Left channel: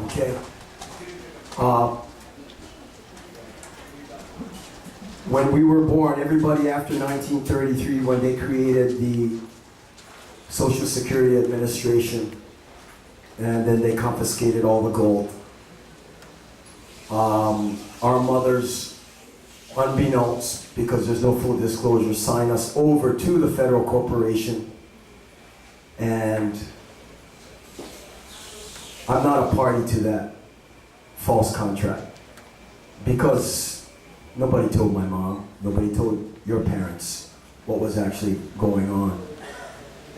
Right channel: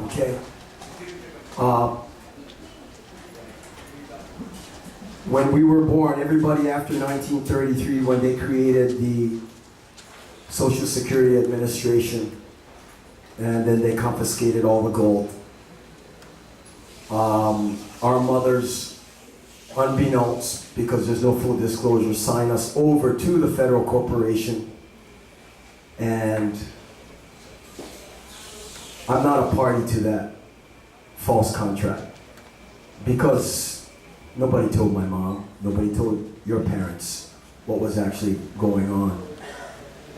Okay? When we were born, everybody after 1933, when they created the Social Security Administration, and then they confiscated all the gold, our mothers, unbeknownst, because there's no full disclosure, signed us over to the federal corporation. And I'm not a party to that false contract, because nobody told my mom, nobody told your parents what was actually going on.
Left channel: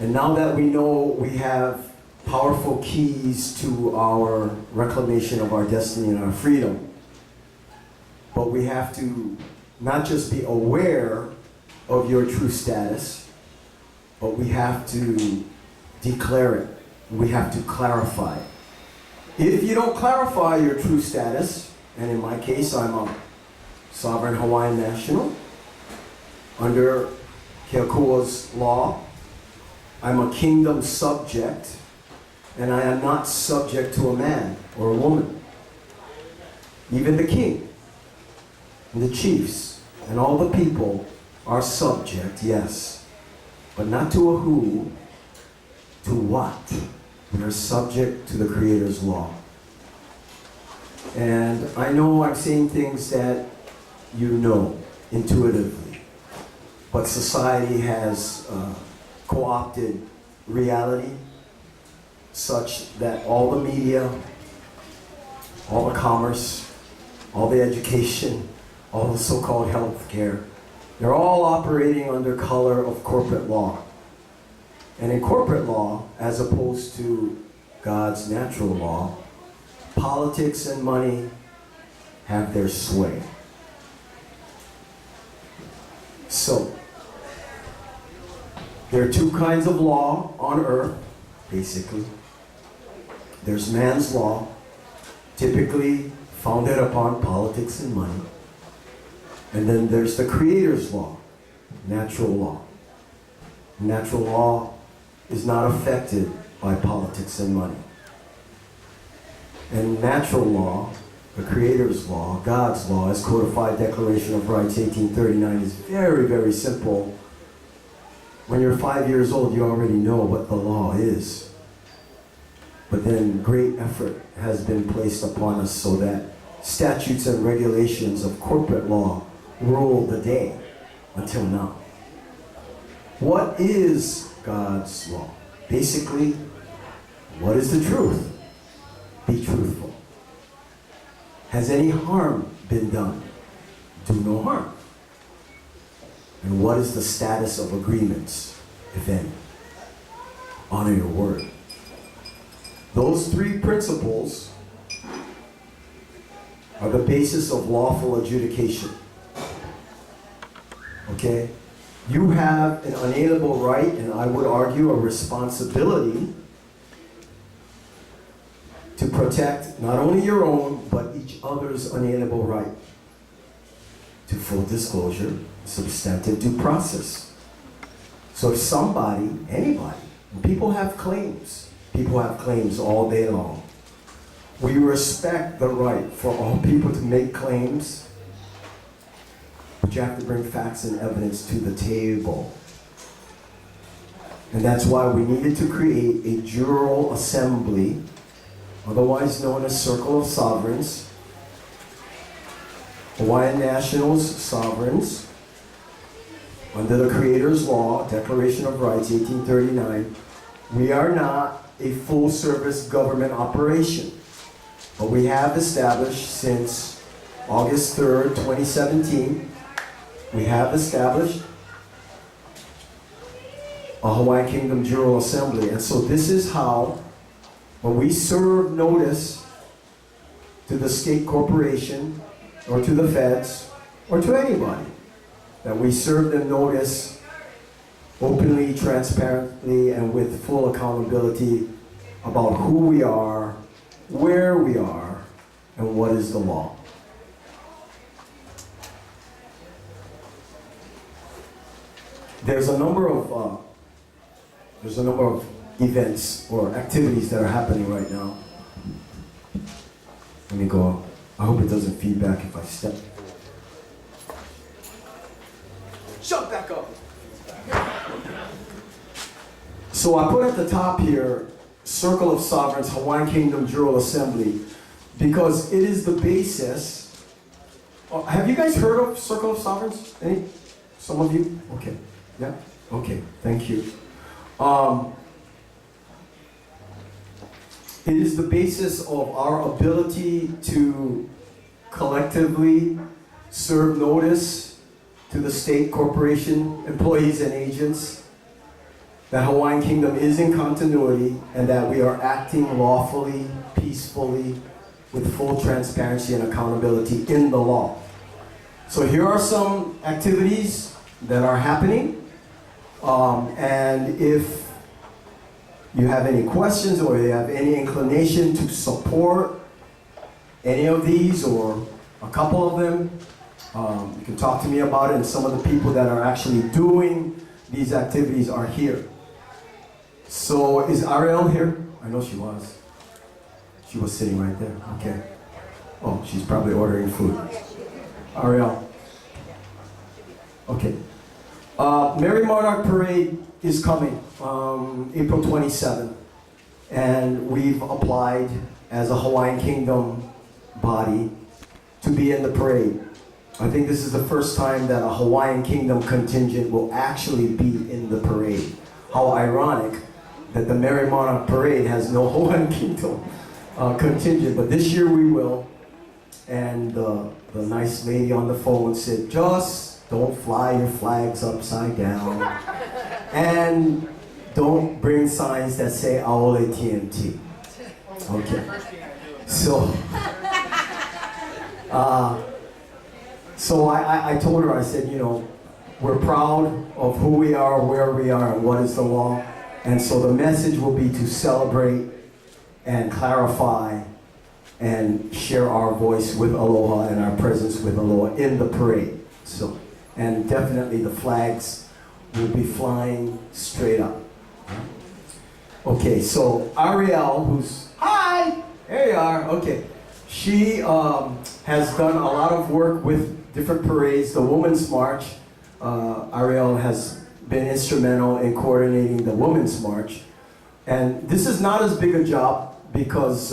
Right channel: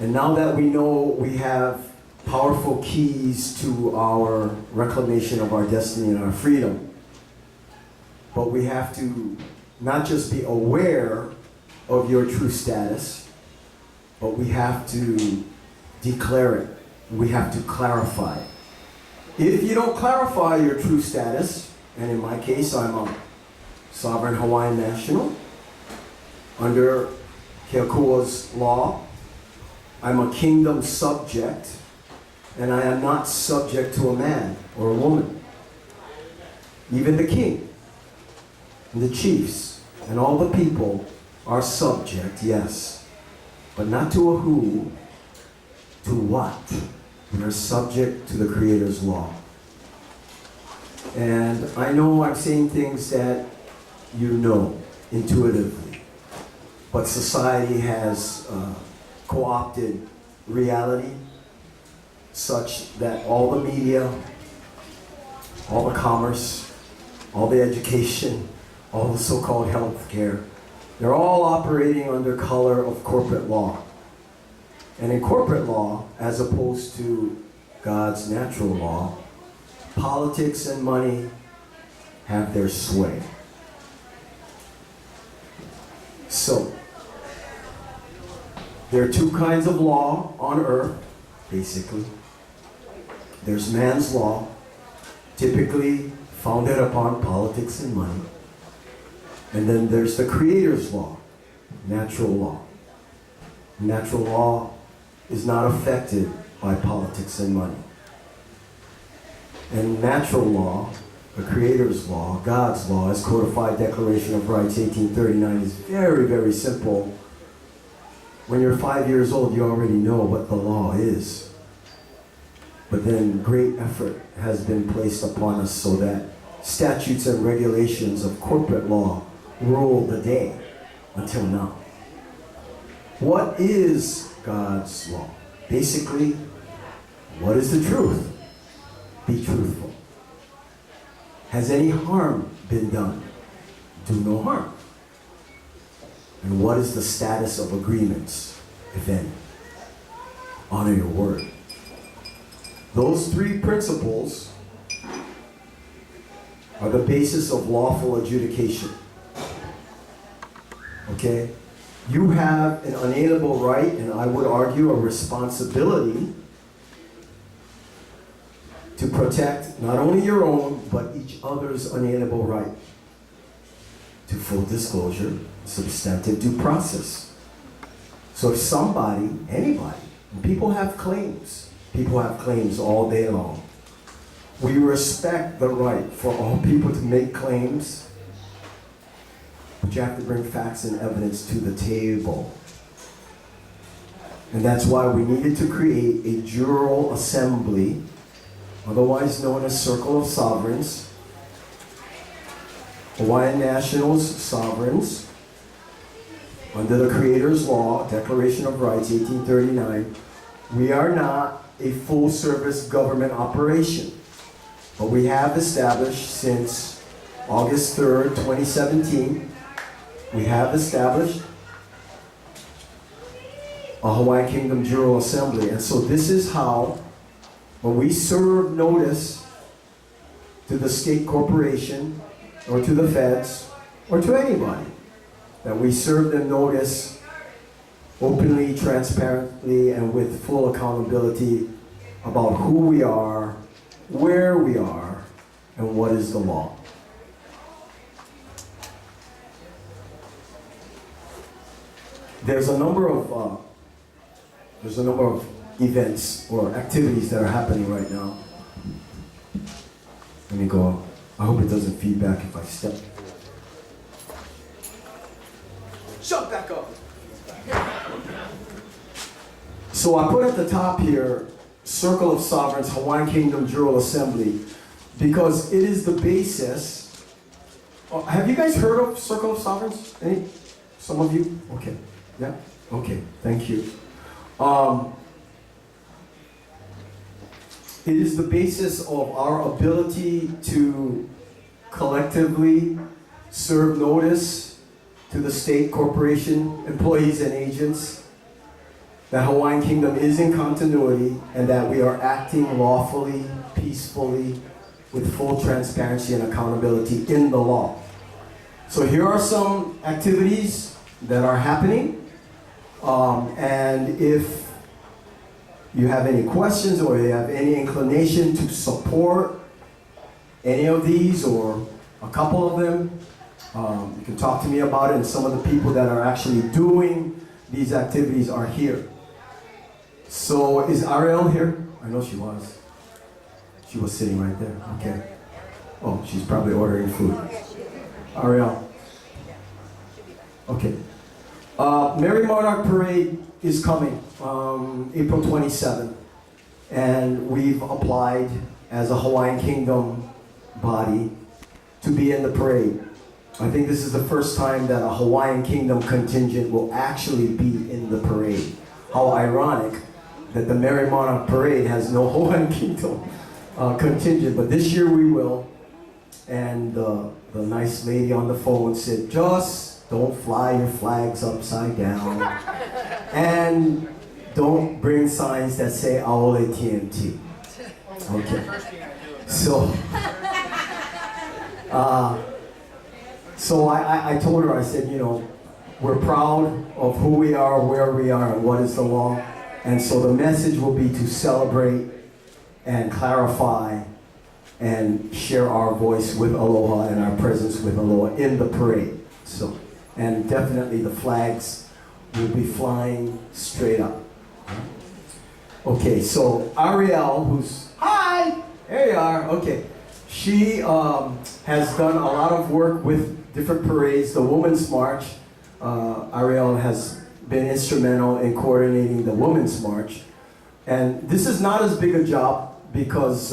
And now that we know we have powerful keys to our reclamation of our destiny and our freedom, but we have to not just be aware of your true status, but we have to declare it. We have to clarify it. If you don't clarify your true status, and in my case, I'm a sovereign Hawaiian national under Keakua's law. I'm a kingdom subject, and I am not subject to a man or a woman. Even the king and the chiefs and all the people are subject, yes, but not to a who, to what? They're subject to the Creator's law. And I know I'm saying things that you know intuitively, but society has co-opted reality such that all the media, all the commerce, all the education, all the so-called health care, they're all operating under color of corporate law. And in corporate law, as opposed to God's natural law, politics and money have their sway. So, there are two kinds of law on earth, basically. There's man's law, typically founded upon politics and money. And then there's the Creator's law, natural law. Natural law is not affected by politics and money. And natural law, the Creator's law, God's law, as codified Declaration of Rights 1839, is very, very simple. When you're 5 years old, you already know what the law is. But then great effort has been placed upon us so that statutes and regulations of corporate law rule the day until now. What is God's law? Basically, what is the truth? Be truthful. Has any harm been done? Do no harm. And what is the status of agreements, if any? Honor your word. Those three principles are the basis of lawful adjudication. Okay? You have an unalienable right, and I would argue a responsibility, to protect not only your own, but each other's unalienable right to full disclosure, substantive due process. So if somebody, anybody, and people have claims all day long. We respect the right for all people to make claims, but you have to bring facts and evidence to the table. And that's why we needed to create a Jural assembly, otherwise known as Circle of Sovereigns, Hawaiian nationals, sovereigns, under the Creator's law, Declaration of Rights, 1839. We are not a full-service government operation, but we have established since August 3rd, 2017, we have established a Hawaiian Kingdom Jural Assembly. And so this is how, when we serve notice to the state corporation, or to the feds, or to anybody, that we serve them notice openly, transparently, and with full accountability about who we are, where we are, and what is the law. There's a number of events or activities that are happening right now. Let me go. I hope it doesn't feedback if I step. Shut back up. So I put at the top here, Circle of Sovereigns, Hawaiian Kingdom, Jural Assembly, because it is the basis. Have you guys heard of Circle of Sovereigns? Any? Some of you? Okay. Yeah? Okay. Thank you. It is the basis of our ability to collectively serve notice to the state, corporation, employees, and agents that Hawaiian Kingdom is in continuity and that we are acting lawfully, peacefully, with full transparency and accountability in the law. So here are some activities that are happening. And if you have any questions or you have any inclination to support any of these or a couple of them, you can talk to me about it, and some of the people that are actually doing these activities are here. So is Ariel here? I know she was. She was sitting right there. Okay. Oh, she's probably ordering food. Ariel. Okay. Merry Monarch Parade is coming April 27th, and we've applied as a Hawaiian Kingdom body to be in the parade. I think this is the first time that a Hawaiian Kingdom contingent will actually be in the parade. How ironic that the Merry Monarch Parade has no Hawaiian Kingdom contingent, but this year we will. And the nice lady on the phone said, just don't fly your flags upside down. And don't bring signs that say Aole TMT. Okay. So I told her, I said, you know, we're proud of who we are, where we are, and what is the law. And so the message will be to celebrate and clarify and share our voice with Aloha and our presence with Aloha in the parade. So, and definitely the flags will be flying straight up. Okay, so Ariel, who's, hi, there you are, okay. She has done a lot of work with different parades. The Women's March, Ariel has been instrumental in coordinating the Women's March. And this is not as big a job because,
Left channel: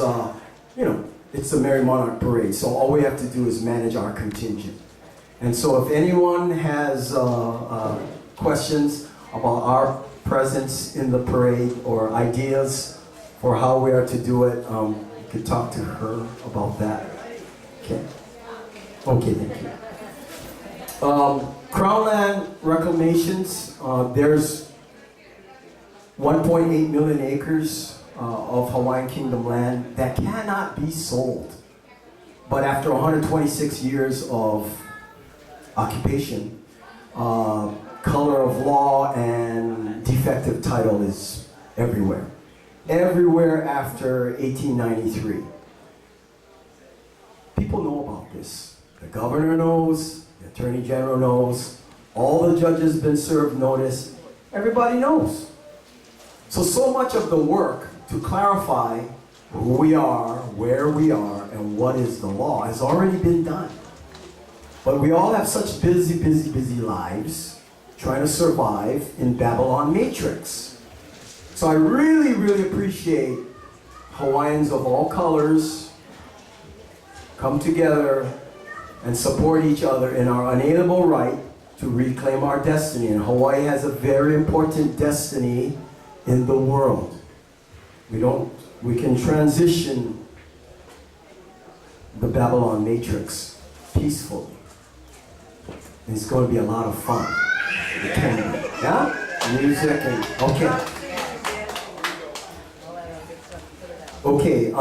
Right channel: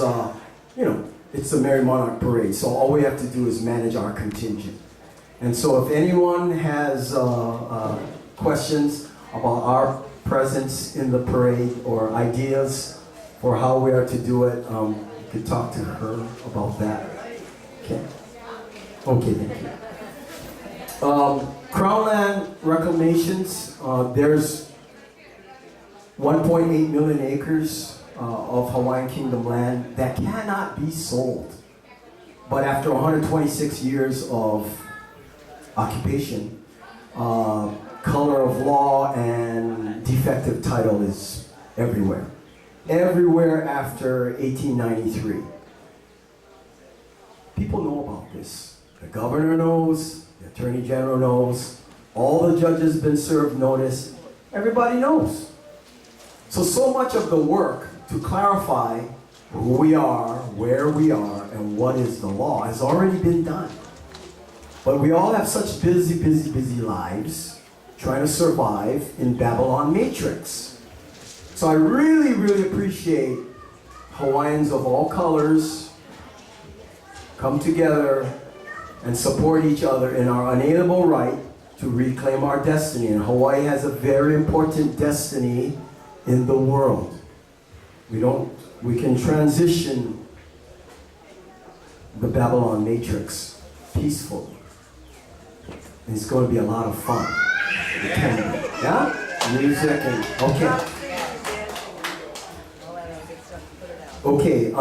you know, it's the Merry Monarch Parade, so all we have to do is manage our contingent. And so if anyone has questions about our presence in the parade or ideas for how we are to do it, you could talk to her about that. Okay. Okay, thank you. Crown Land reclamations, there's 1.8 million acres of Hawaiian Kingdom land that cannot be sold. But after 126 years of occupation, color of law and defective title is everywhere. Everywhere after 1893. People know about this. The governor knows, the attorney general knows, all the judges have been served notice. Everybody knows. So much of the work to clarify who we are, where we are, and what is the law has already been done. But we all have such busy lives trying to survive in Babylon Matrix. So I really, really appreciate Hawaiians of all colors come together and support each other in our unalienable right to reclaim our destiny. And Hawaii has a very important destiny in the world. We can transition the Babylon Matrix peacefully. And it's going to be a lot of fun. It can be. Yeah? Music and, okay. Okay,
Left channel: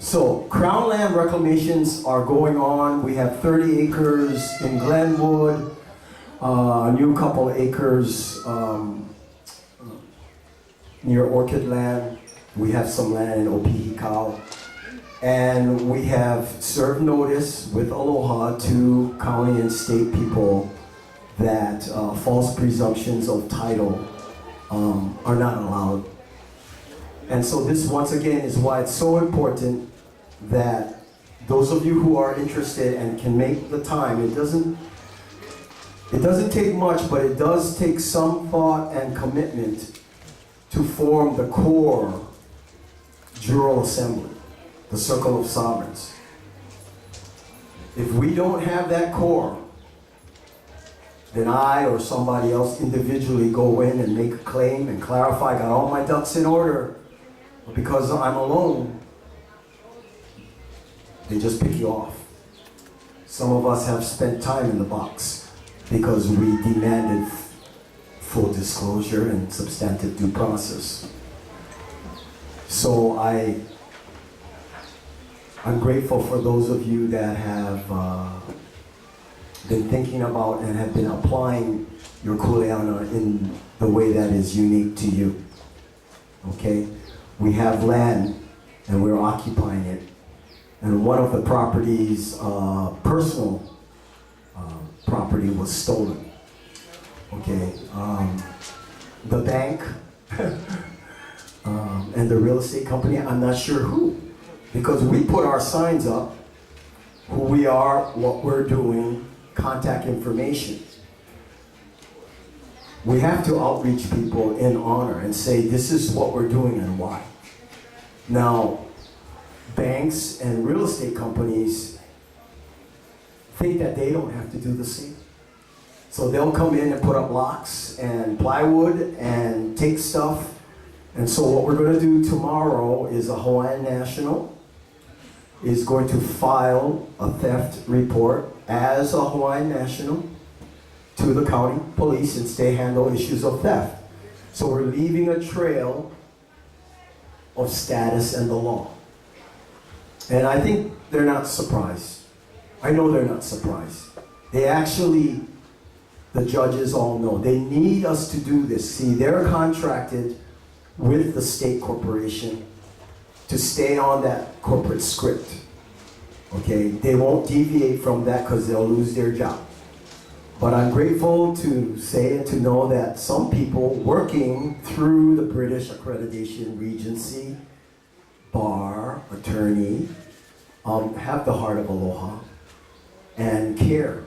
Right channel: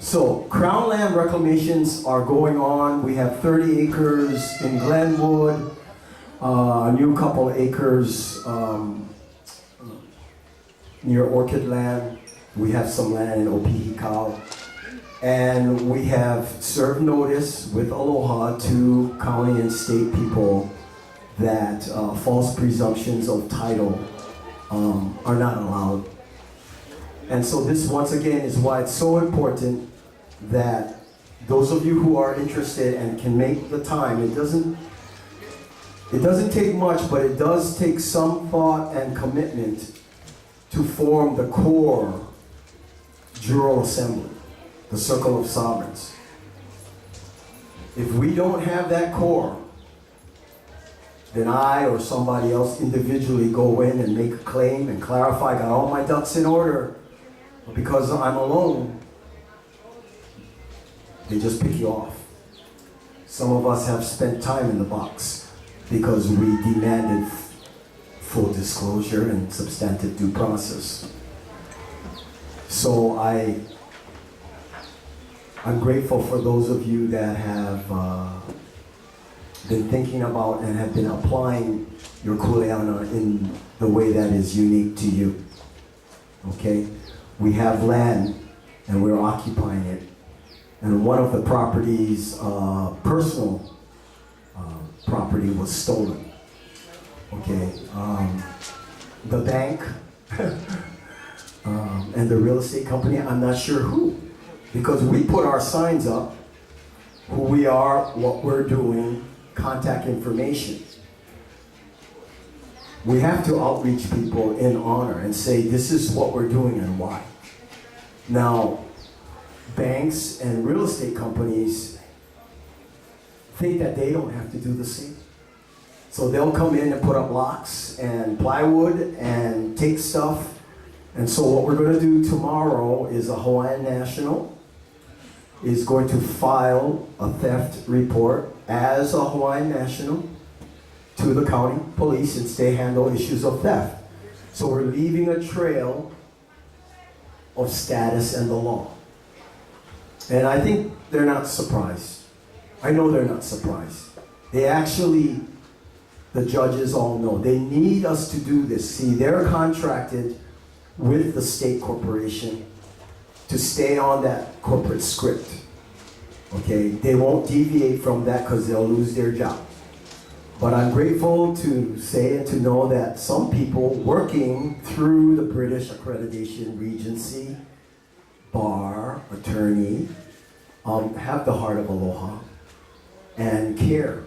so Crown Land reclamations are going on. We have 30 acres in Glenwood, a new couple acres near Orchid Land. We have some land in Opihikau. And we have served notice with Aloha to county and state people that false presumptions of title are not allowed. And so this, once again, is why it's so important that those of you who are interested and can make the time, it doesn't take much, but it does take some thought and commitment to form the core Jural Assembly, the Circle of Sovereigns. If we don't have that core, then I or somebody else individually go in and make a claim and clarify, got all my ducks in order, but because I'm alone, they just pick you off. Some of us have spent time in the box because we demanded full disclosure and substantive due process. So I'm grateful for those of you that have been thinking about and have been applying your kuleana in the way that is unique to you. Okay? We have land and we're occupying it. And one of the properties, personal property, was stolen. Okay? The bank and the real estate company, I'm not sure who. Because we put our signs up, who we are, what we're doing, contact information. We have to outreach people in honor and say, this is what we're doing and why. Now, banks and real estate companies think that they don't have to do the same. So they'll come in and put up locks and plywood and take stuff. And so what we're going to do tomorrow is a Hawaiian national is going to file a theft report as a Hawaiian national to the county police since they handle issues of theft. So we're leaving a trail of status and the law. And I think they're not surprised. I know they're not surprised. They actually, the judges all know, they need us to do this. See, they're contracted with the state corporation to stay on that corporate script. Okay, they won't deviate from that because they'll lose their job. But I'm grateful to say and to know that some people working through the British Accreditation Regency, bar, attorney, have the heart of aloha and care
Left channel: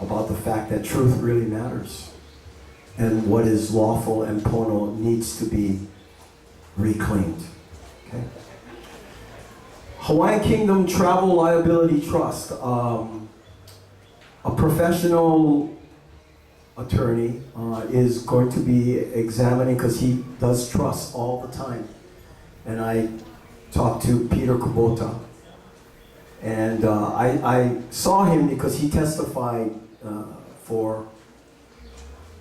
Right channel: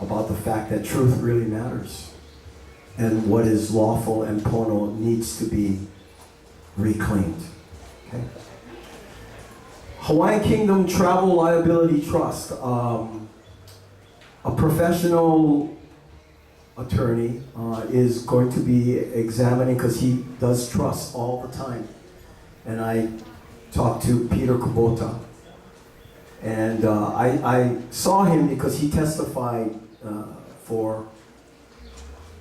about the fact that truth really matters. And what is lawful and pono needs to be reclaimed. Okay? Hawaiian Kingdom Travel Liability Trust. A professional attorney is going to be examining, because he does trust all the time. And I talked to Peter Kubota. And I saw him because he testified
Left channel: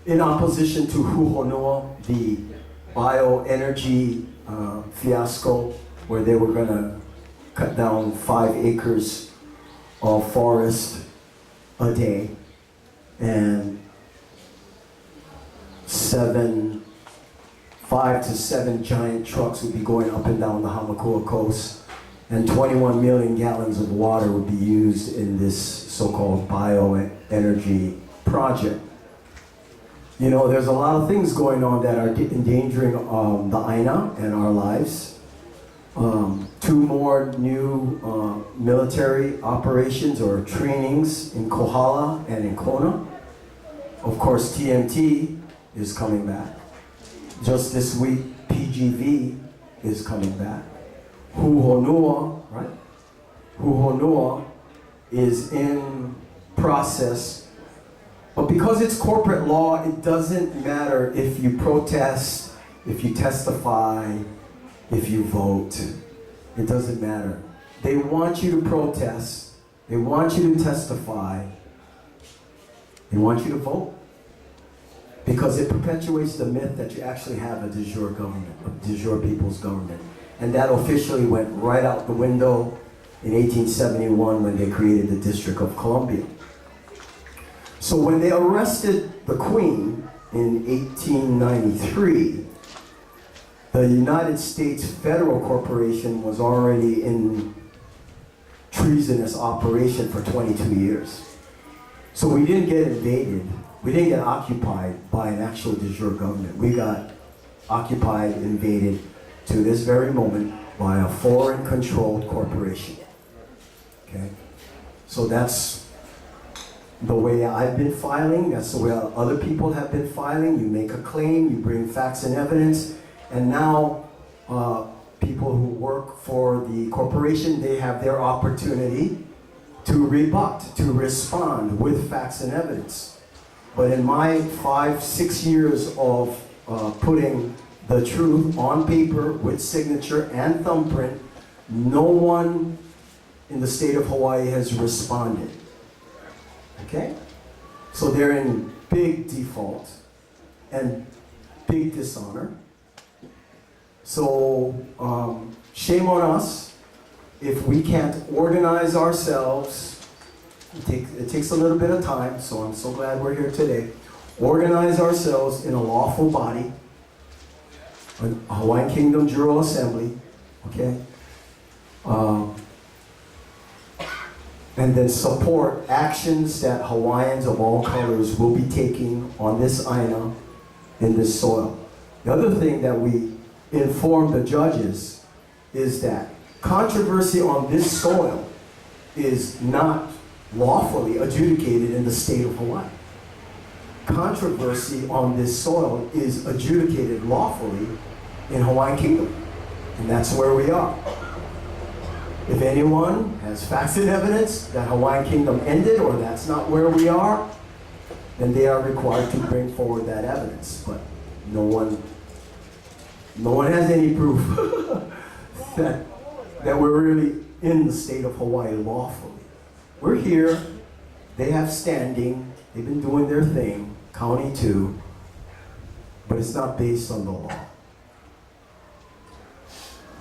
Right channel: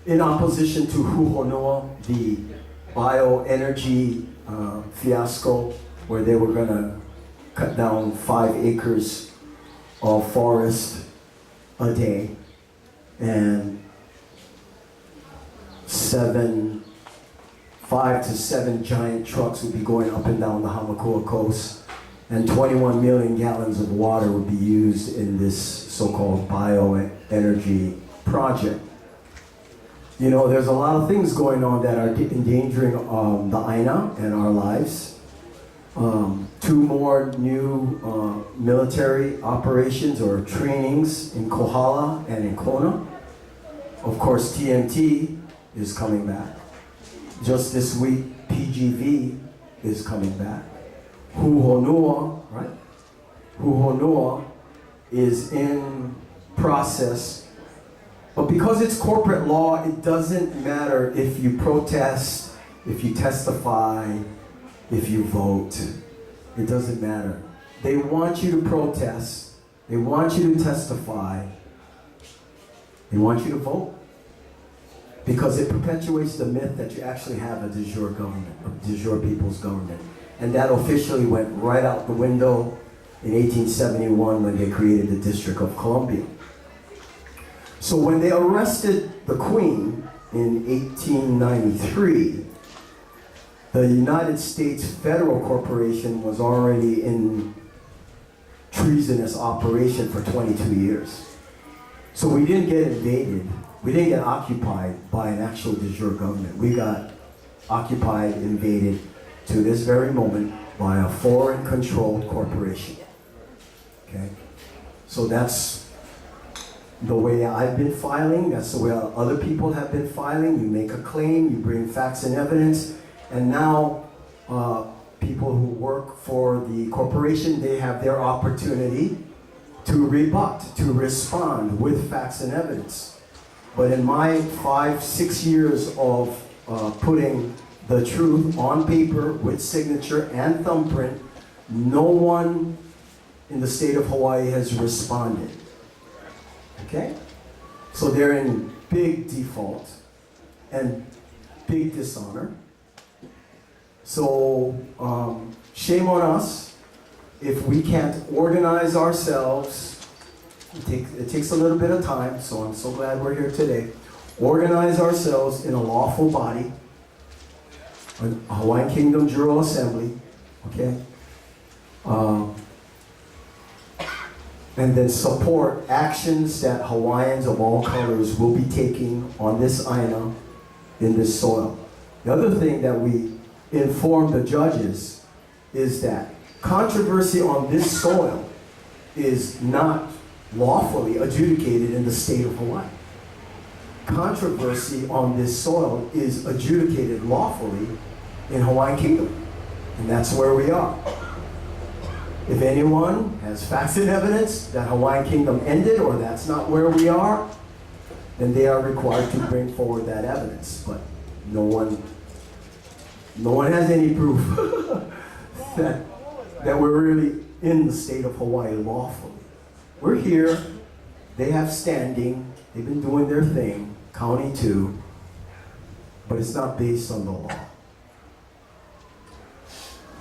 in opposition to Huhonua, the bioenergy fiasco, where they were going to cut down 5 acres of forest a day, and 5 to 7 giant trucks would be going up and down the Hamakua coast, and 21 million gallons of water would be used in this so-called bioenergy project. You know, there's a lot of things going on that are endangering the Aina and our lives. 2 more new military operations or trainings in Kohala and in Kona. Of course, TMT is coming back. Just this week, PGV is coming back. Huhonua, right? Huhonua is in process. But because it's corporate law, it doesn't matter if you protest, if you testify, if you vote. It doesn't matter. They want you to protest. They want you to testify. They want you to vote. Because it perpetuates the myth that you actually have a de jure government, a de jure people's government. And that officially went right out the window in 1871 when they created the District of Columbia. So when they arrested the Queen in 1893, the United States Federal Corporation was already in treasonous operation for 22 years. So we didn't get invaded. We didn't get occupied by an actual de jure government. We got occupied, invaded, to this very moment, by a foreign-controlled corporation. Okay? So that's the way I've been filing. That's the way other people have been filing. You make a claim, you bring facts and evidence, and now people who work for the corporation, they have their opportunity to rebut, to respond with facts and evidence. But in my 5-6 years of putting the truth on paper with signature and thumbprint, no one in the state of Hawaii has responded. Okay? So they're in big default and big dishonor. So shame on us if we can't organize ourselves. It takes a little bit of time, so I'm so glad we're here today. Organize ourselves in a lawful body, a Hawaiian Kingdom Jural Assembly, okay? And then support actions that Hawaiians of all colors will be taking on this Aina, in this soil. The other thing that we inform the judges is that controversy on this soil is not lawfully adjudicated in the state of Hawaii. Controversy on this soil is adjudicated lawfully in Hawaiian Kingdom, and that's where we are. If anyone has facts and evidence that Hawaiian Kingdom ended or that's not where we are, then they are required to bring forward that evidence. But no one has any proof that we're really in the state of Hawaii lawfully. We're here, they have standing, they've been doing their thing, County 2, but it's not based on the law.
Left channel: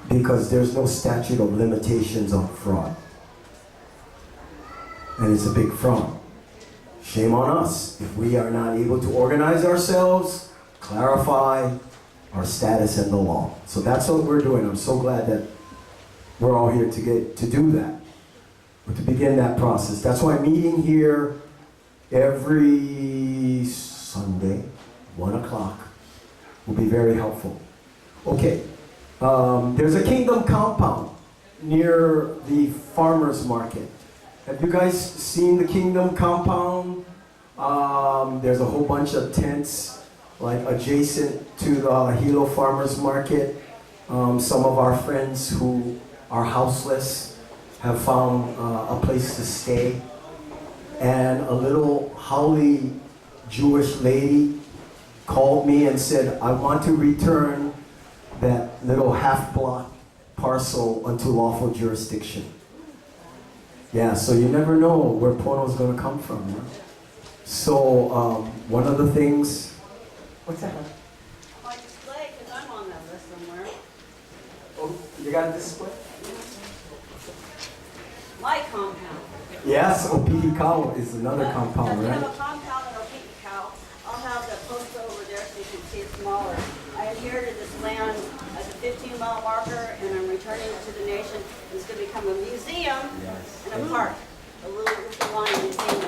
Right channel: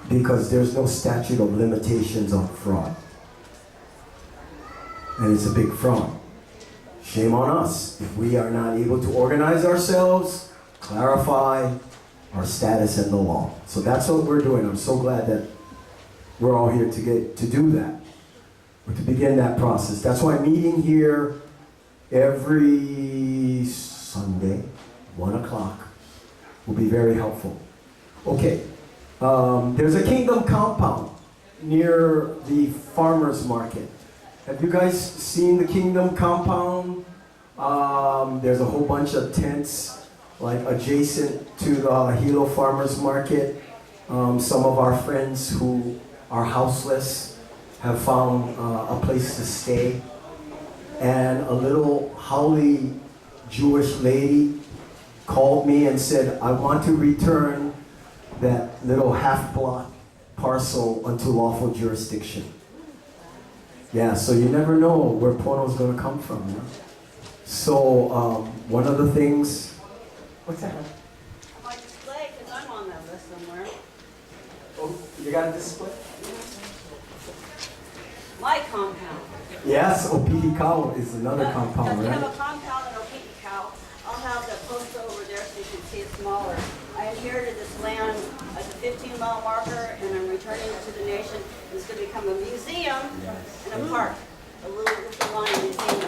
Because there's no statute of limitations on fraud. And it's a big fraud. Shame on us if we are not able to organize ourselves, clarify our status in the law. So that's what we're doing. I'm so glad that we're all here to do that, or to begin that process. That's why meeting here every Sunday, 1 o'clock, will be very helpful. Okay. There's a kingdom compound near the farmer's market. Have you guys seen the kingdom compound? There's a whole bunch of tents like adjacent to the Hilo farmer's market. Some of our friends who are houseless have found a place to stay. And a little haole Jewish lady called me and said, I want to return that little half-block parcel unto lawful jurisdiction. Yeah, so you never know where Pono's going to come from. Yeah? So one of the things... What's that? My display, because I'm on that list somewhere. Oh, you got a display? My compound. Yes, Opihikau is another compound, We right? have a compound in Opihikau. I'll have the poster over there so you can see it smaller. I inherited this land as a 15-mile marker, and I'm returning it to the nation. It's going to become a museum and a park, a little line museum.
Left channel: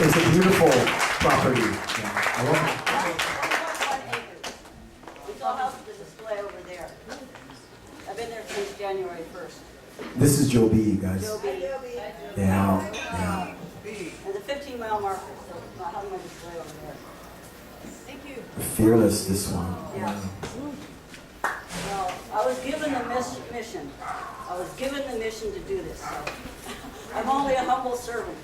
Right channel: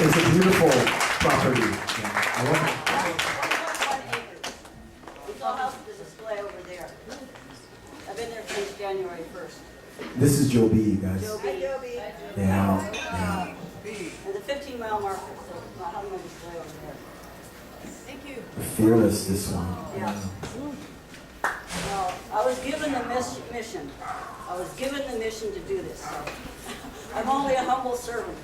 It's a beautiful property. Yeah, I love it. 1.1 acres. We still have the display over there. I've been there since January 1st. This is Joe B, you guys. Joe B. Yeah. And the 15-mile marker, so I'll have my display over there. Thank you. Fearless, this one. Yeah. Well, I was given the mission. I was given the mission to do this. So I'm only a humble servant.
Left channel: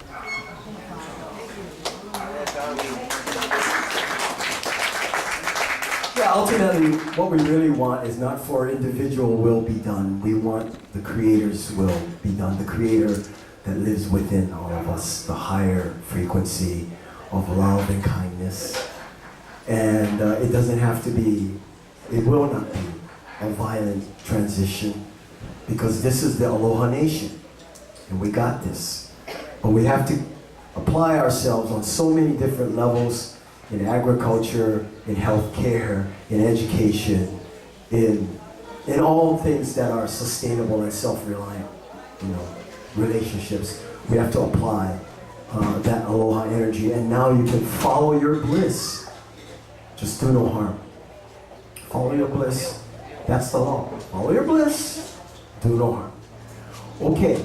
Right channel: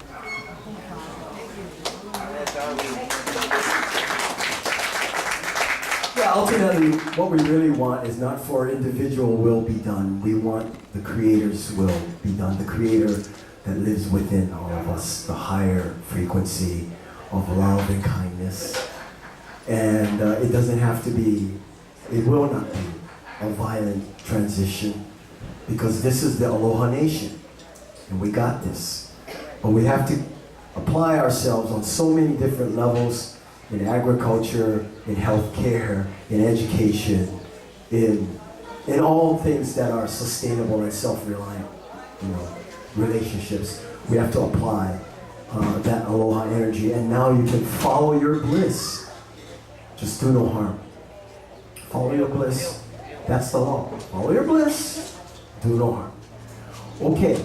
Yeah, ultimately, what we really want is not for individual will be done. We want the Creator's will be done. The Creator that lives within all of us, the higher frequency of love and kindness. And it doesn't have to be, it will not be a violent transition, because this is the Aloha Nation, and we got this. But we have to apply ourselves on so many different levels, in agriculture, in healthcare, in education, in all things that are sustainable and self-reliant, relationships. We have to apply that aloha energy, and now you can follow your bliss. Just do no harm. Follow your bliss. That's the law. Follow your bliss. Do no harm. Okay.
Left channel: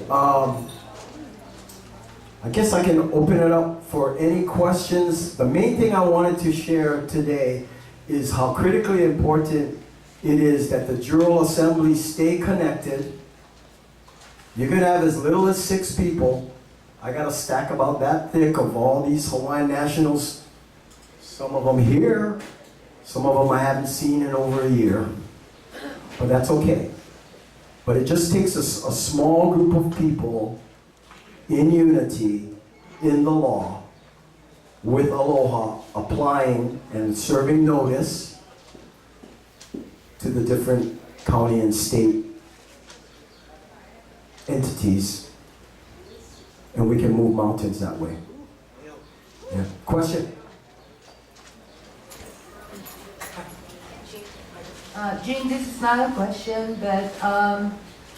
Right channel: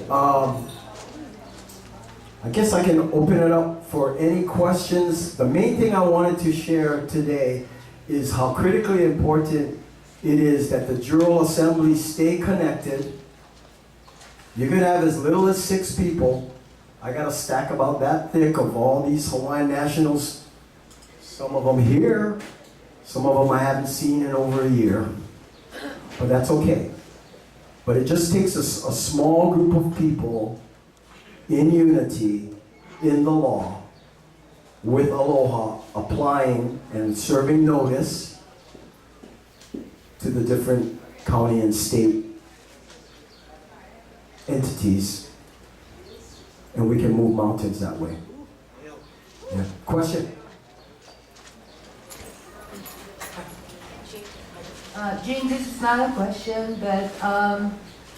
I guess I can open it up for any questions. The main thing I wanted to share today is how critically important it is that the Jural Assembly stay connected. You can have as little as 6 people. I got a stack about that thick of all these Hawaiian nationals. Some of them here, some of them I haven't seen in over a year. But that's okay. But it just takes a small group of people in unity, in the law, with aloha, applying and serving notice to the different county and state entities, and we can move mountains that way. Yeah. Question? Jean, this is not a question, but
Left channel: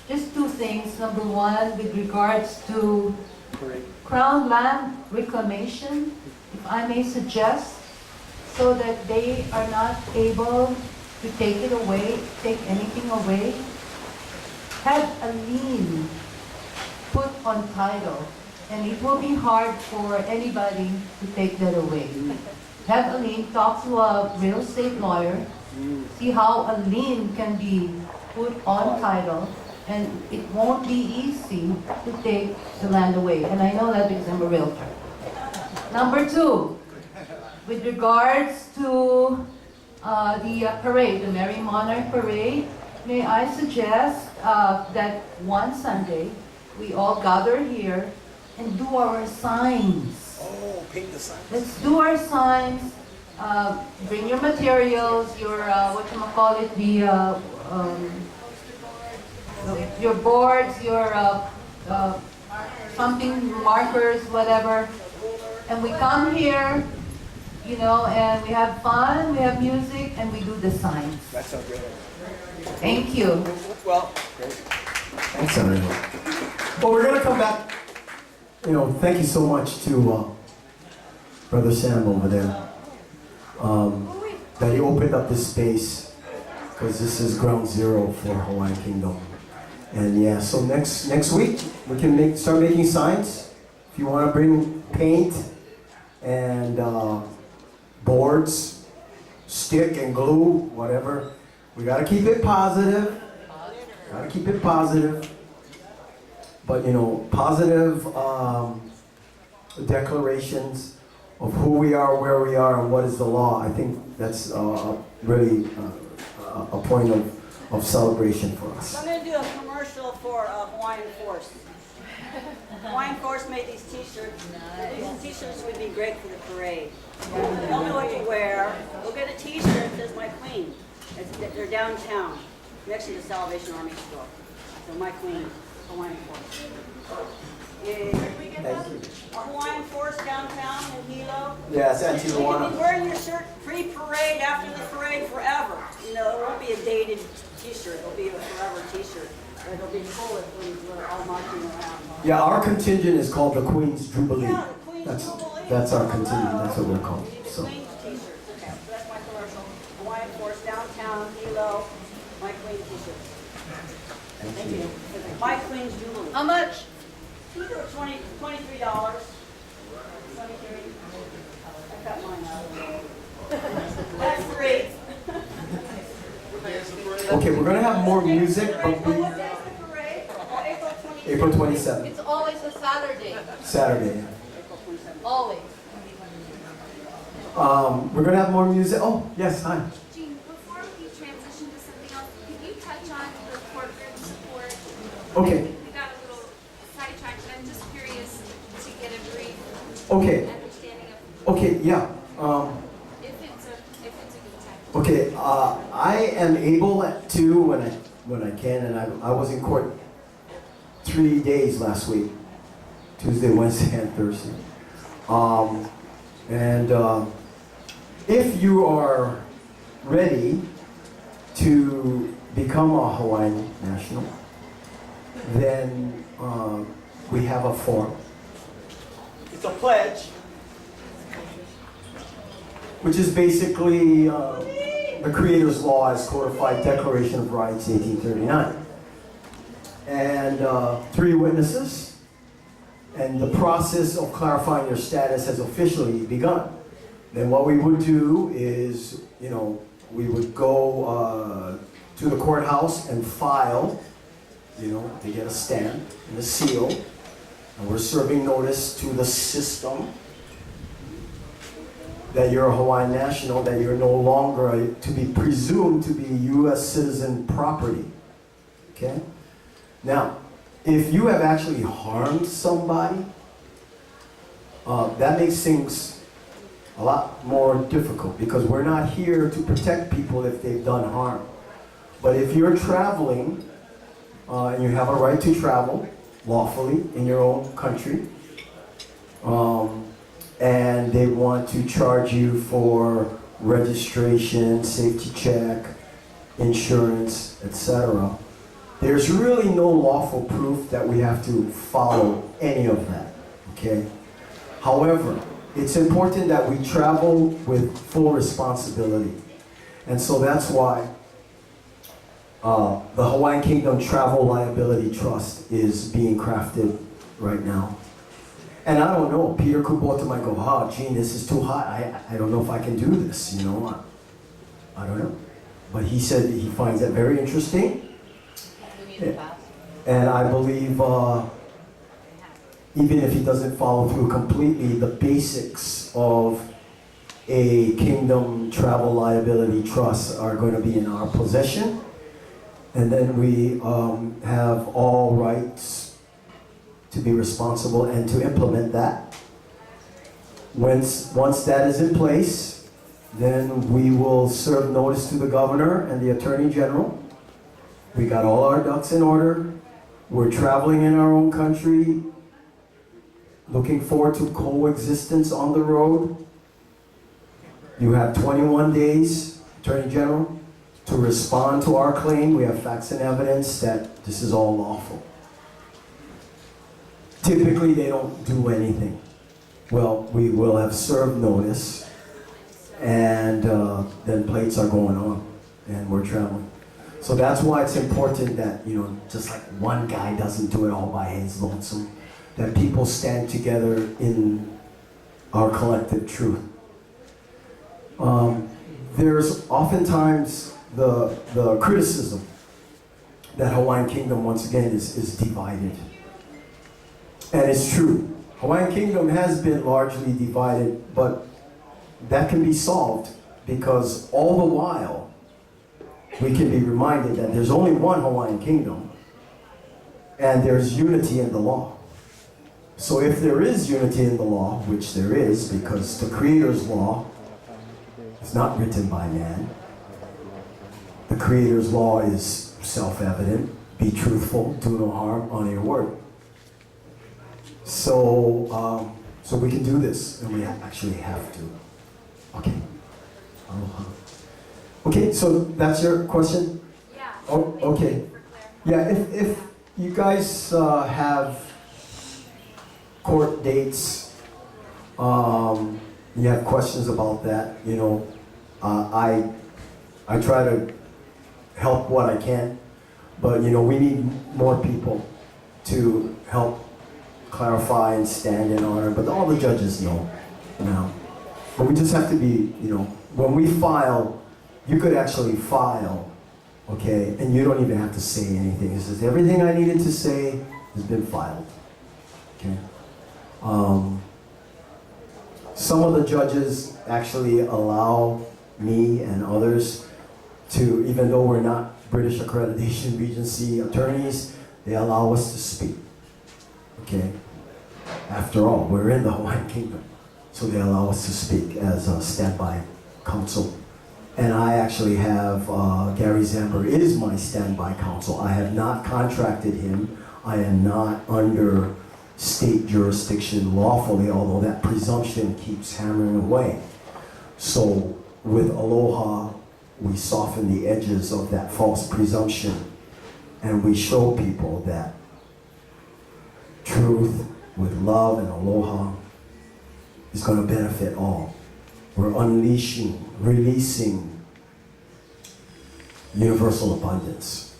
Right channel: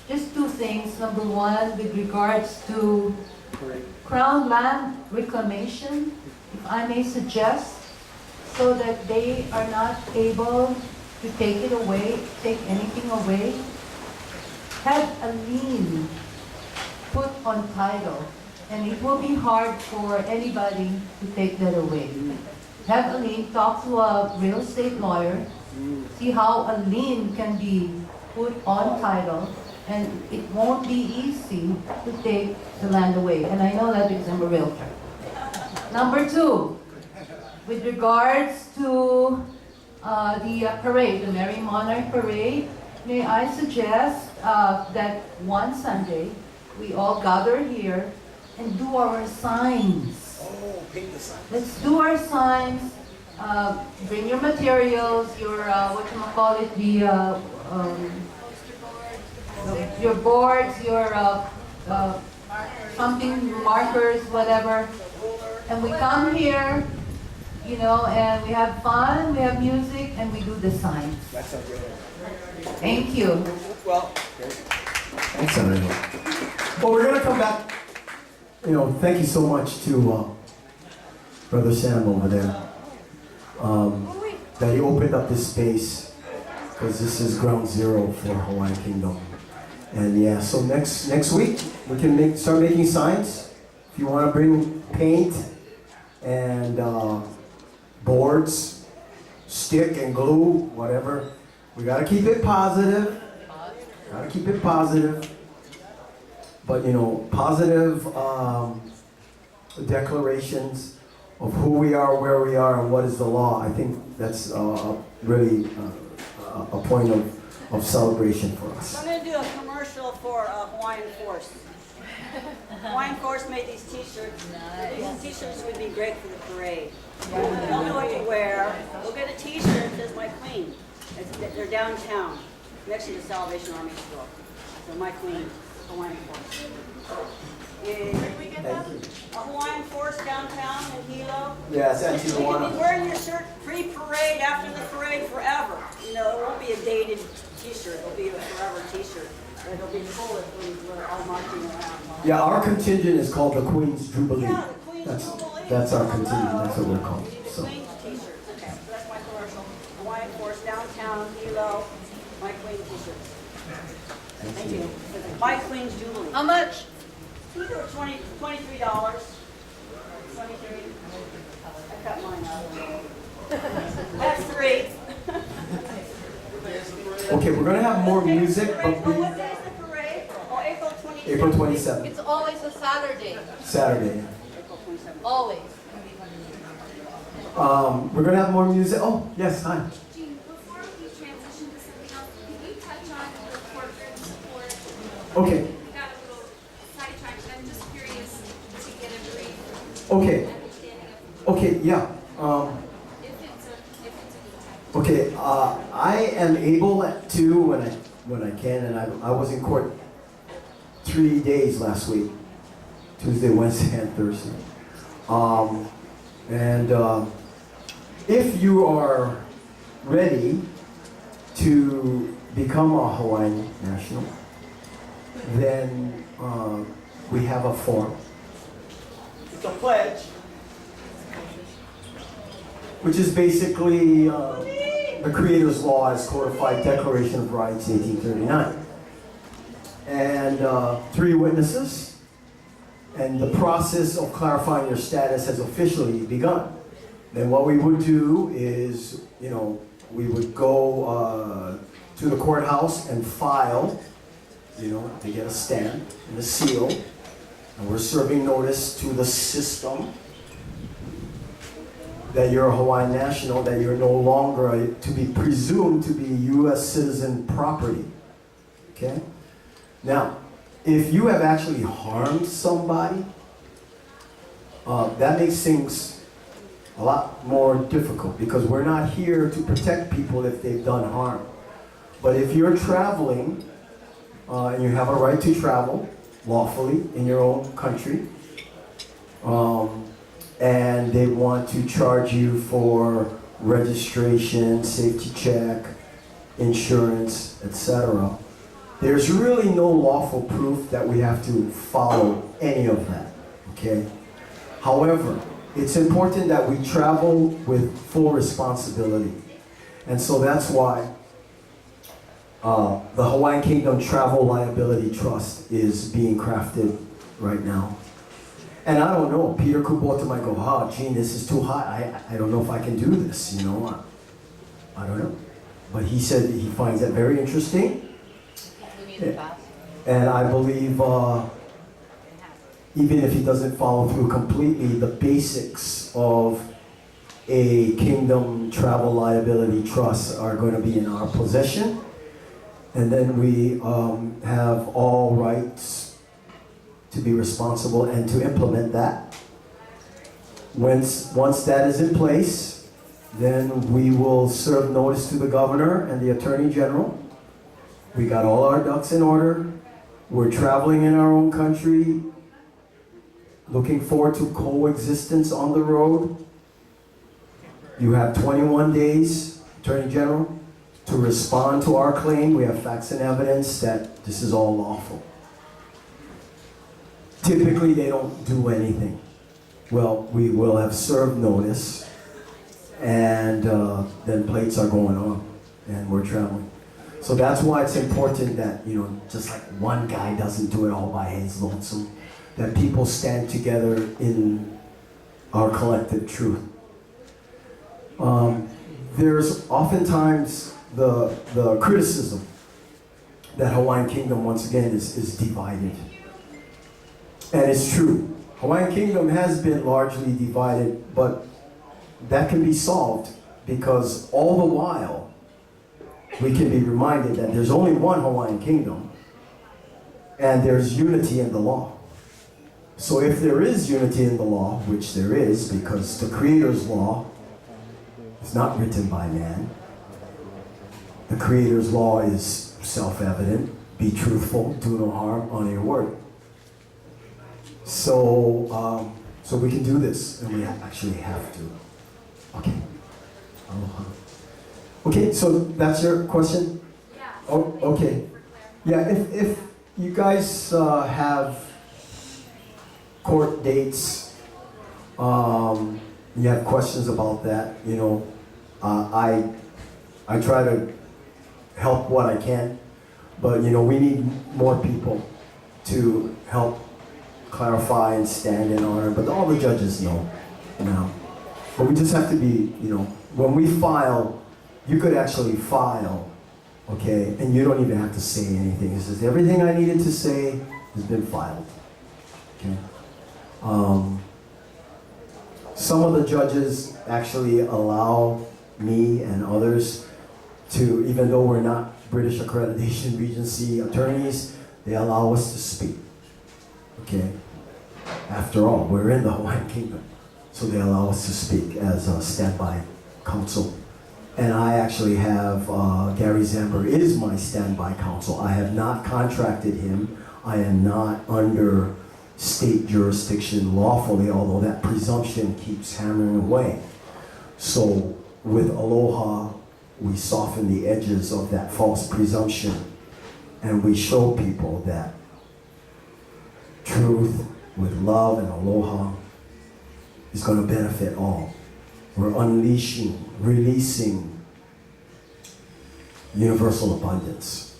just 2 things. Number 1, with regards to Crown land reclamation, if I may suggest, so that they are not able to take it away, take anything away, have a lien put on title, and it will be hard for anybody to take that away. Have a lien, talk to a real estate lawyer, see how a lien can be put on title, and it won't be easy to take the land away. And I know that because I'm a realtor. Number 2, with regards to the parade, the Merry Monarch Parade, may I suggest that one Sunday we all gather here and do our signs. Oh, paint the sign. Let's do our signs. Bring your materials, your your boards, your something, markers, whatever. And we come here, you know, and we have fun, we have music, and we do the signs. That's so great. Thank you. Well, thanks, everyone. Well, we're going to come back. You know, thank you so much to Brother Sam over there. That he opened up this space, because this is ground zero for Hawaiian Kingdom. And yeah, so next week we can start making signs. If you want to bring paint and boards, stick and glue, whatever. We got to keep it positive. Got to keep it positive. But you know, positive declarations of who we are, where we are, and what is the law. I think that's really a point of celebration for us. I'm going to do a commercial for Hawaiian Force. Hawaiian Force made these t-shirts. These t-shirts would be great for the parade. You don't know what you wear. Go get a t-shirt that says My Queen. They're downtown, next to the Salvation Army store. So My Queen, Hawaiian Force. Where did we get that? A Hawaiian Force downtown in Hilo. Yeah, it's at You can Tijuana. be wearing your shirt pre-parade, after the parade, forever. You know, it won't be a dated t-shirt. It'll be a forever t-shirt. But it'll be full when we're all marching around. Yeah, our contingent is called the Queen's Jubilee. Yeah, the Queen's Jubilee. That's our contingent. That's what we're called. You need the So. Queen's t-shirts. Okay, so that's my commercial. Hawaiian Force downtown, Hilo, My Queen t-shirts. Thank you. My Queen's Jubilee. How much? $23. 23. I cut mine out. That's 3. Okay, we're gonna have more music, but What day is the parade? Oh, April 27th. April 27th, It's always a Saturday. Saturday. April 27th. Always. We're gonna have more music. Oh, yes, hi. Jean, before we transition to something else, can you touch on the corporate support? Okay, We got a little sidetracked, and I'm just curious to get a brief okay, understanding of okay, yeah. if it's a good time. Okay, I am able to when I can, and I was in court 3 days last week, Tuesday, Wednesday, and Thursday. If you are ready to become a Hawaiian national, then we have a form. It's a pledge, which is basically the Creator's Law as codified Declaration of Rights, 1839. And 3 witnesses. and the process of clarifying your status has officially begun, then what we would do is, we would go to the courthouse and file, to get a stamp and a seal, and we're serving notice to the system that you're a Hawaiian national, that you're no longer to be presumed to be U.S. citizen property. Okay? Now, if you have actually harmed somebody, that makes things a lot more difficult, because we're not here to protect people if they've done harm. But if you're traveling, and you have a right to travel lawfully in your own country, and they want to charge you for registration, safety check, insurance, etc., there's really no lawful proof that we have to follow any of that, okay? However, it's important that we travel with full responsibility. And so that's why the Hawaiian Kingdom Travel Liability Trust is being crafted right now. And I don't know, Peter Kubota might go, Gene, this is too hot. I don't know if I can do this, I don't know. But he said he finds that very interesting. And I believe even if he doesn't follow through completely, the basics of a Kingdom Travel Liability Trust are going to be in our possession. And then we have all rights to be responsible and to implement that. Once that is in place, then we will serve notice to the governor and the attorney general. We got all our ducks in order. We're traveling in our own country, looking forward to coexistence on the road. You have 21 days, Attorney General, to respond to our claim. We have facts and evidence that this is all lawful. Typically, they don't do anything. Well, we will have served notice, and then plates are going on, and we're traveling. So that's why it's important that, just like one guy doesn't do it all by his lonesome, that people stand together in our collective truth. There's oftentimes the criticism that Hawaiian Kingdom, once again, is divided. And it's true. Hawaiian Kingdom has been largely divided, but that can be solved, because all the while, we can be reminded that there's only one Hawaiian Kingdom, and there's unity in the law. So if there is unity in the law, which there is, because the Creator's law is not written by man. The Creator's law is self-evident. Be truthful, do no harm, honor your word. So we can do this, and we actually have to. Okay. Aloha. Okay, so that's your question? Yeah. Oh, okay. Yeah, if you guys have court dates, you have questions about that, I try to help what I can, but we need more people to help clarify and stand in honor, but all the judges know now. But we just have to be, when we file, you could actually file, okay, and you don't even have to say anything. It says everything I needed to say has been filed, okay? Some of the judges actually allow me and others to, even though we're not British Accreditation Regency attorneys, they allow us to speak, okay? After all, we're in the Hawaiian Kingdom, so they allow us to speak as a standby counsel. And I actually have, Gary Zamber is my standby counsel. I have not contracted him. I am not under state jurisdiction lawfully, although that presumption keeps hammering away. So with Aloha, we soften the edges of that false presumption, and we show people that truth with love and Aloha is going to benefit all. We're releasing universal abundance.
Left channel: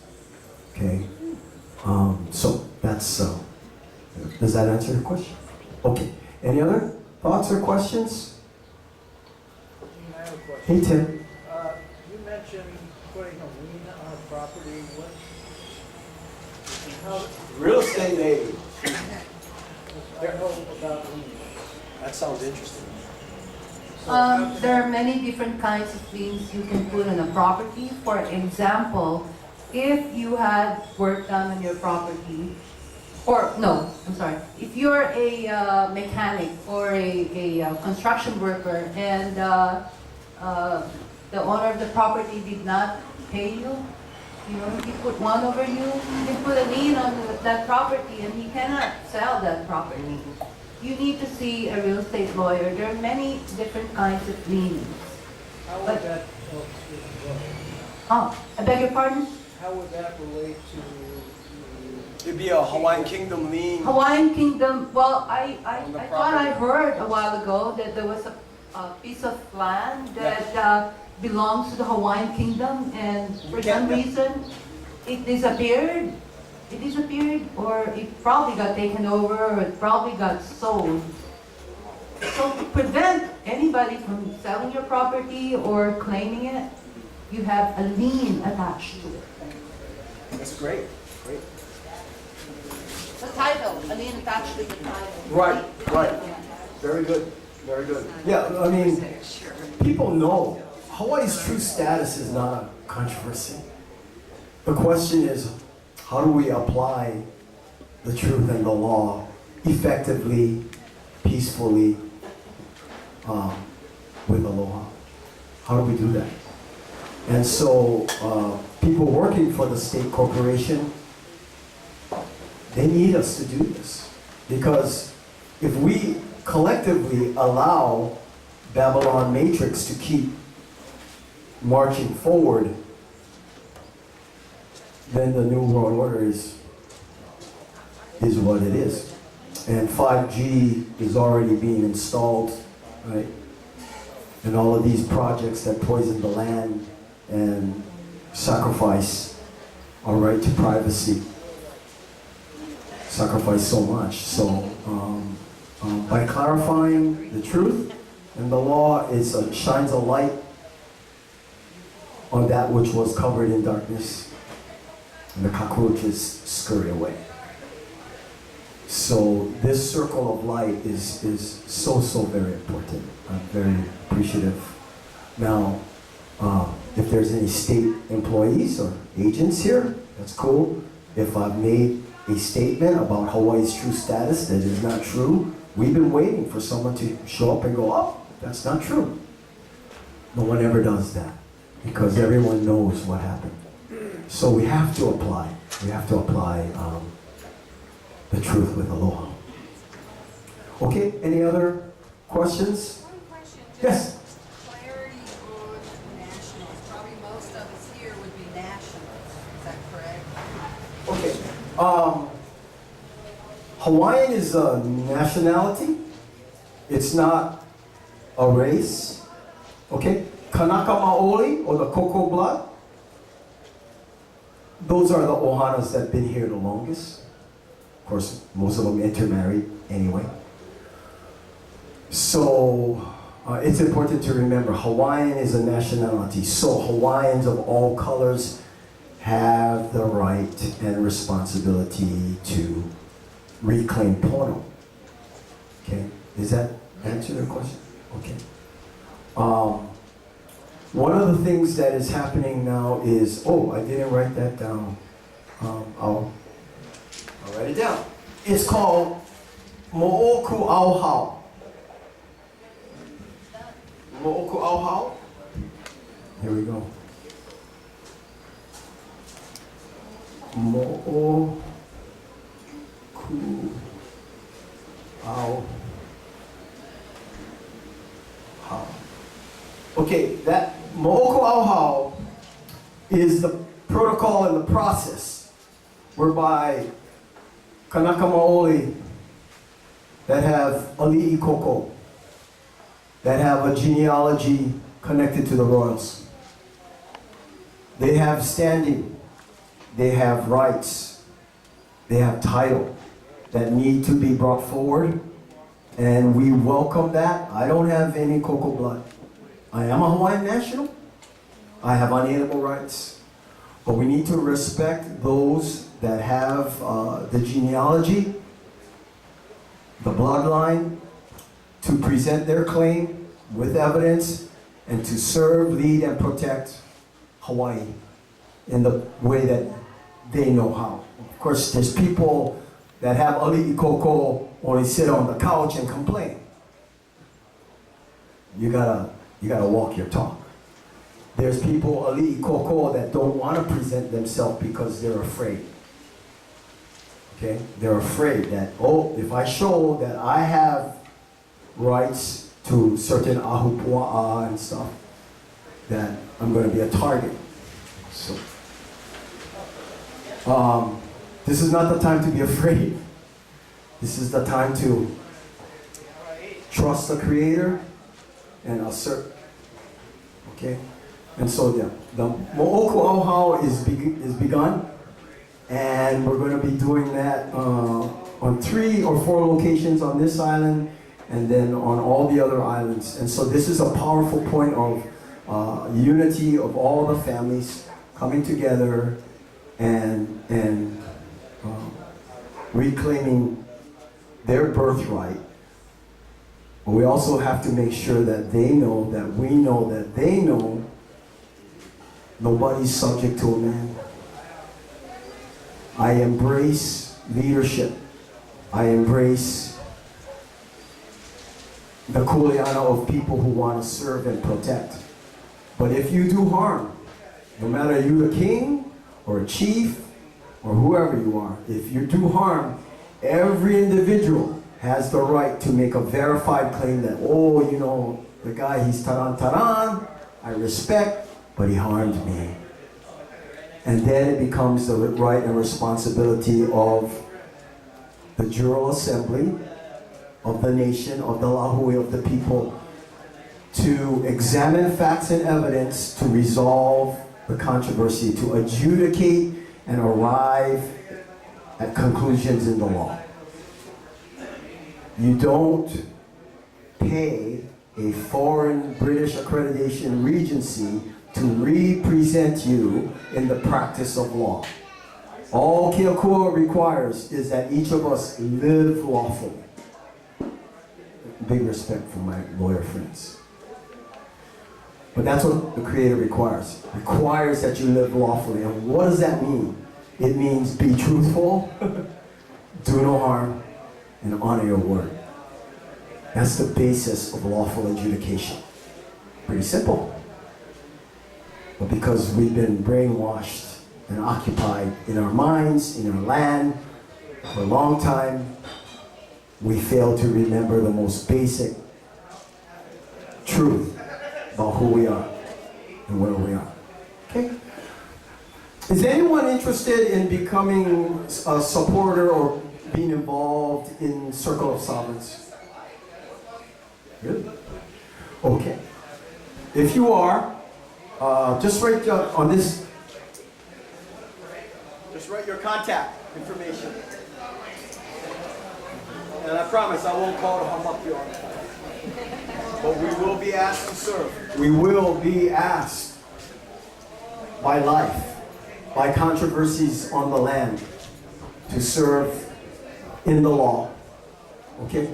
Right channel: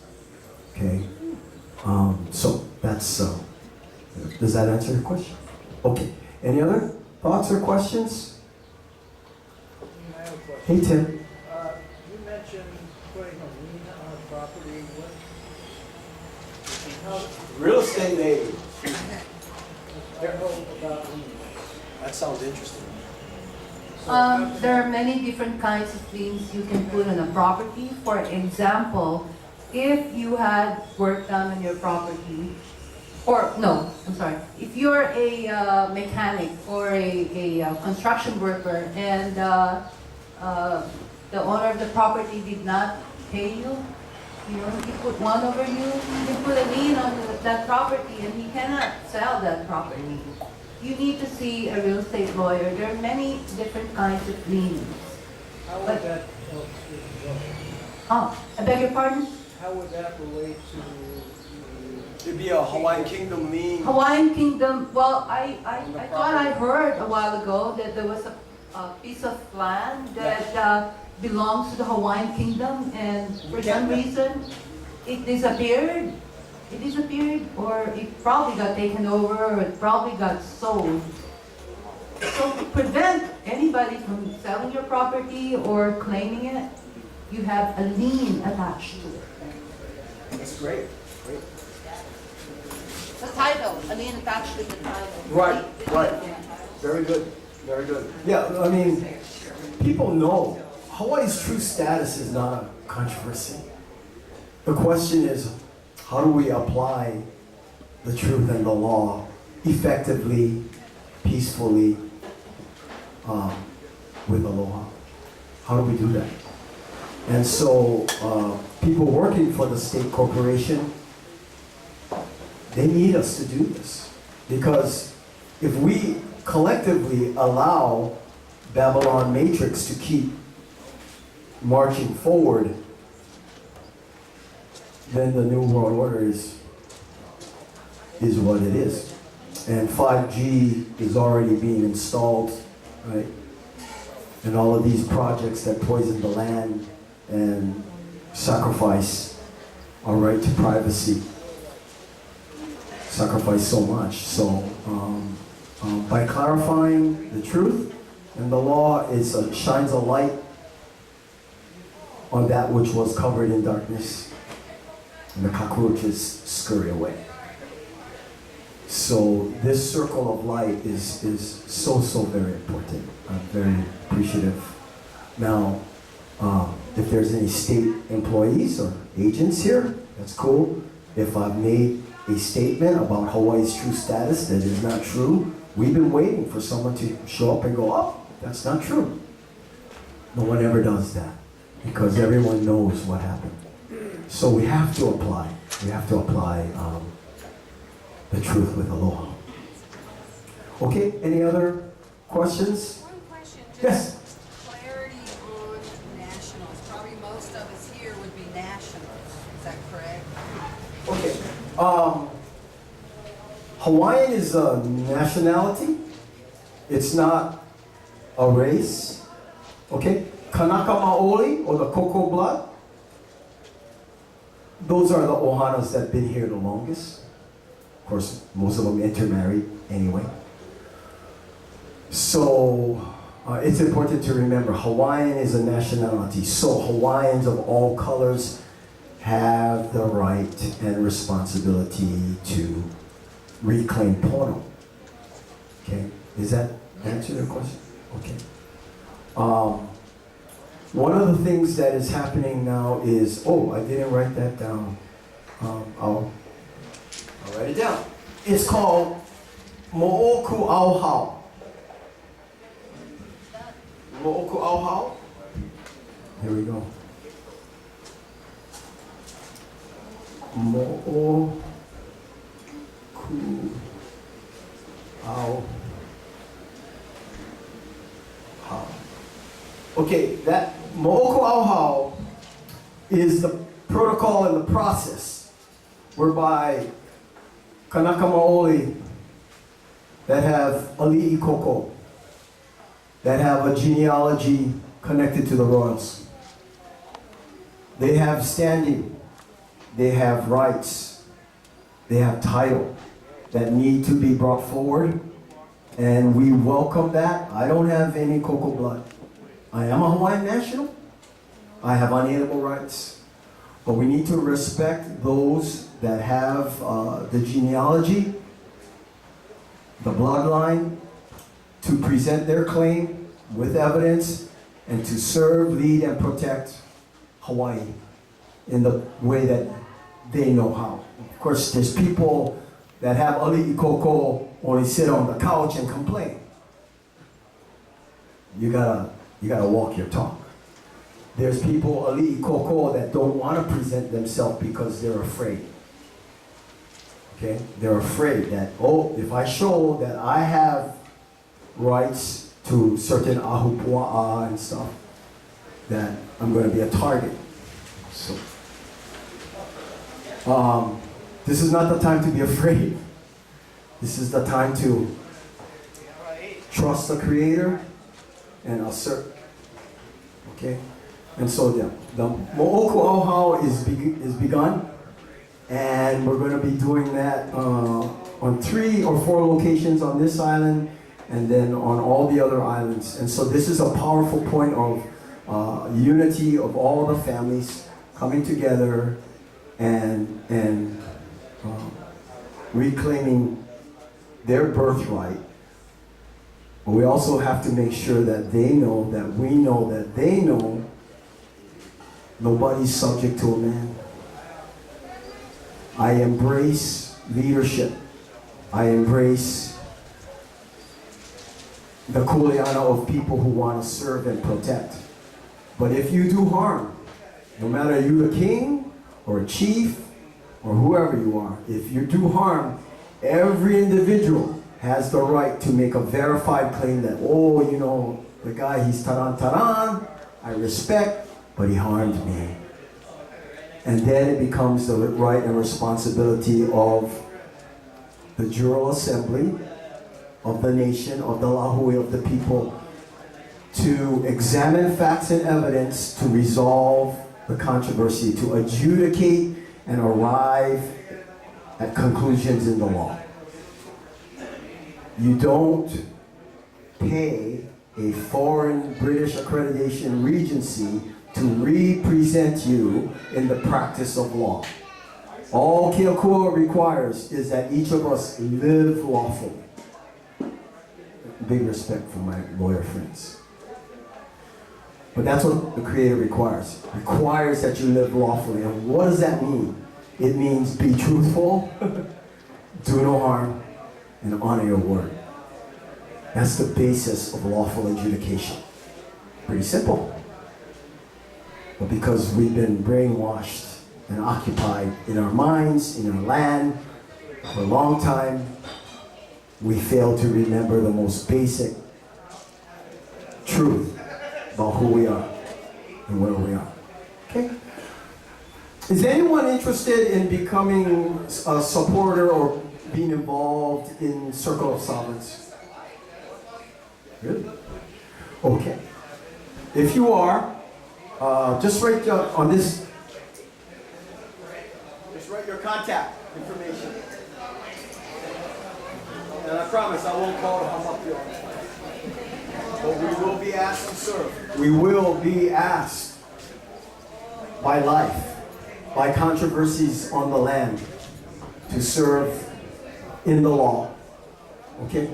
Okay, so that's Does that answer your question? Okay. Any other thoughts or questions? I have a question. Hey, Tim. You mentioned putting a lien on a property. What? How? Real estate lady. I know about liens. That sounds interesting. There are many different kinds of liens you can put on a property. For example, if you had work done on your property, or no, I'm sorry, if you're a mechanic or a construction worker and the owner of the property did not pay you, you know, he put one over you, he put a lien on that property and he cannot sell that property. You need to see a real estate lawyer. There are many different kinds of liens. How would But- that help with what? Oh, I beg your pardon? How would that relate to It'd be a Hawaiian Kingdom lien. Hawaiian Kingdom, well, I On the thought I property. heard a while ago that there was a piece of land that belongs to the Hawaiian Kingdom and for some reason it disappeared. It disappeared or it probably got taken over or it probably got sold. So to prevent anybody from selling your property or claiming it, you have a lien attached to it. That's great. Great. The title, a lien attached to the title. Right, right. Very good. Very good. Yeah, I mean, people know Hawaii's true status is not a controversy. The question is, how do we apply the truth and the law effectively, peacefully, with aloha? How do we do that? And so, people working for the state corporation, they need us to do this. Because if we collectively allow Babylon Matrix to keep marching forward, then the New World Order is what it is. And 5G is already being installed, right? And all of these projects that poison the land and sacrifice our right to privacy, sacrifice so much. So by clarifying the truth and the law, it shines a light on that which was covered in darkness, and the cockroaches scurry away. So this circle of light is so very important. I'm very appreciative. Now, if there's any state employees or agents here, that's cool. If I've made a statement about Hawaii's true status that is not true, we've been waiting for someone to show up and go, oh, that's not true. No one ever does that because everyone knows what happened. So we have to apply. We have to apply the truth with aloha. Okay, any other questions? One question, Yes. just clarity on nationals. Probably most of us here would be nationals. Is that correct? Okay. Hawaiian is a nationality. It's not a race. Okay? Kanaka Maoli, or the Koko blood, those are the Ohanas that have been here the longest. Of course, most of them intermarried anyway. So, it's important to remember, Hawaiian is a nationality. So Hawaiians of all colors have the right and responsibility to reclaim pono. Okay, does that answer your question? Okay. One of the things that is happening now is, oh, I didn't write that down. I'll write it down. It's called Mo'oku Auhau. Mo'oku Auhau. Here we go. Mo'oku Auhau. Okay, that Mo'oku Auhau is the protocol and the process whereby Kanaka Maoli that have ali'i koko, that have a genealogy connected to the royals. They have standing, they have rights, they have title, that need to be brought forward. And we welcome that. I don't have any Cocoa blood. I am a Hawaiian national. I have unalienable rights. But we need to respect those that have the genealogy, the bloodline, to present their claim with evidence and to serve, lead, and protect Hawaii in the way that they know how. Of course, there's people that have ali'i koko only sit on the couch and complain. You gotta walk your talk. There's people ali'i koko that don't want to present themselves because they're afraid. Okay? They're afraid that, oh, if I show that I have rights to certain ahupua'a and stuff, that I'm going to be a target. So, this is not the time to be afraid. This is the time to trust the Creator and assert. Okay? And so the Mo'oku Auhau is begun, and we're going to be doing that on 3 or 4 locations on this island, and then on all the other islands. And so this is a powerful point of unity of all the families coming together and reclaiming their birthright. But we also have to make sure that they know, that we know, that they know nobody's subject to a man. I embrace leadership. I embrace the kuleana of people who want to serve and protect. But if you do harm, no matter you a king or a chief or whoever you are, if you do harm, every individual has the right to make a verified claim that, oh, you know, the guy, he's taran, I respect, but he harmed me. And then it becomes the right and responsibility of the Jural Assembly, of the nation, of the Lahui, of the people, to examine facts and evidence to resolve the controversy, to adjudicate and arrive at conclusions in the law. You don't pay a foreign British accreditation regency to represent you in the practice of law. All Keokua requires is that each of us live lawfully. Big respect for my lawyer friends. But that's what the Creator requires. Requires that you live lawfully. And what does that mean? It means be truthful, do no harm, and honor your word. That's the basis of lawful adjudication. Pretty simple. But because we've been brainwashed and occupied in our minds, in our land, for a long time, we fail to remember the most basic truth about who we are and where we are. Okay? Is anyone interested in becoming a supporter or being involved in Circle of Sovereigns? Really? Okay. If you are, just write on this, just write your contact information. And I promise I won't call to hum up your. But we will be asked to serve. We will be asked by life, by controversies on the land, to serve in the law. Okay?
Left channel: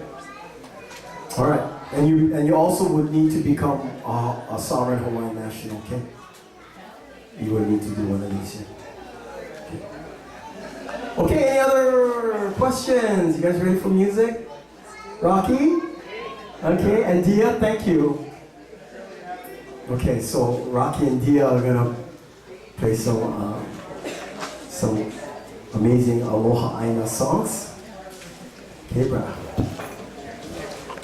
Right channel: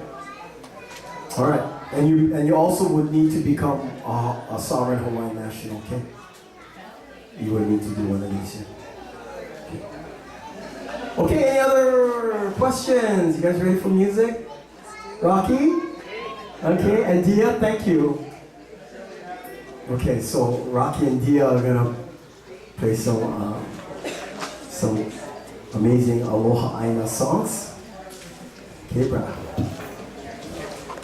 All right. And you also would need to become a sovereign Hawaiian national, okay? You would need to do one of these here. Okay, any other questions? You guys ready for music? Rocky? Okay, and Dia, thank you. Okay, so Rocky and Dia are gonna play some amazing Aloha Aina songs. Okay, brah.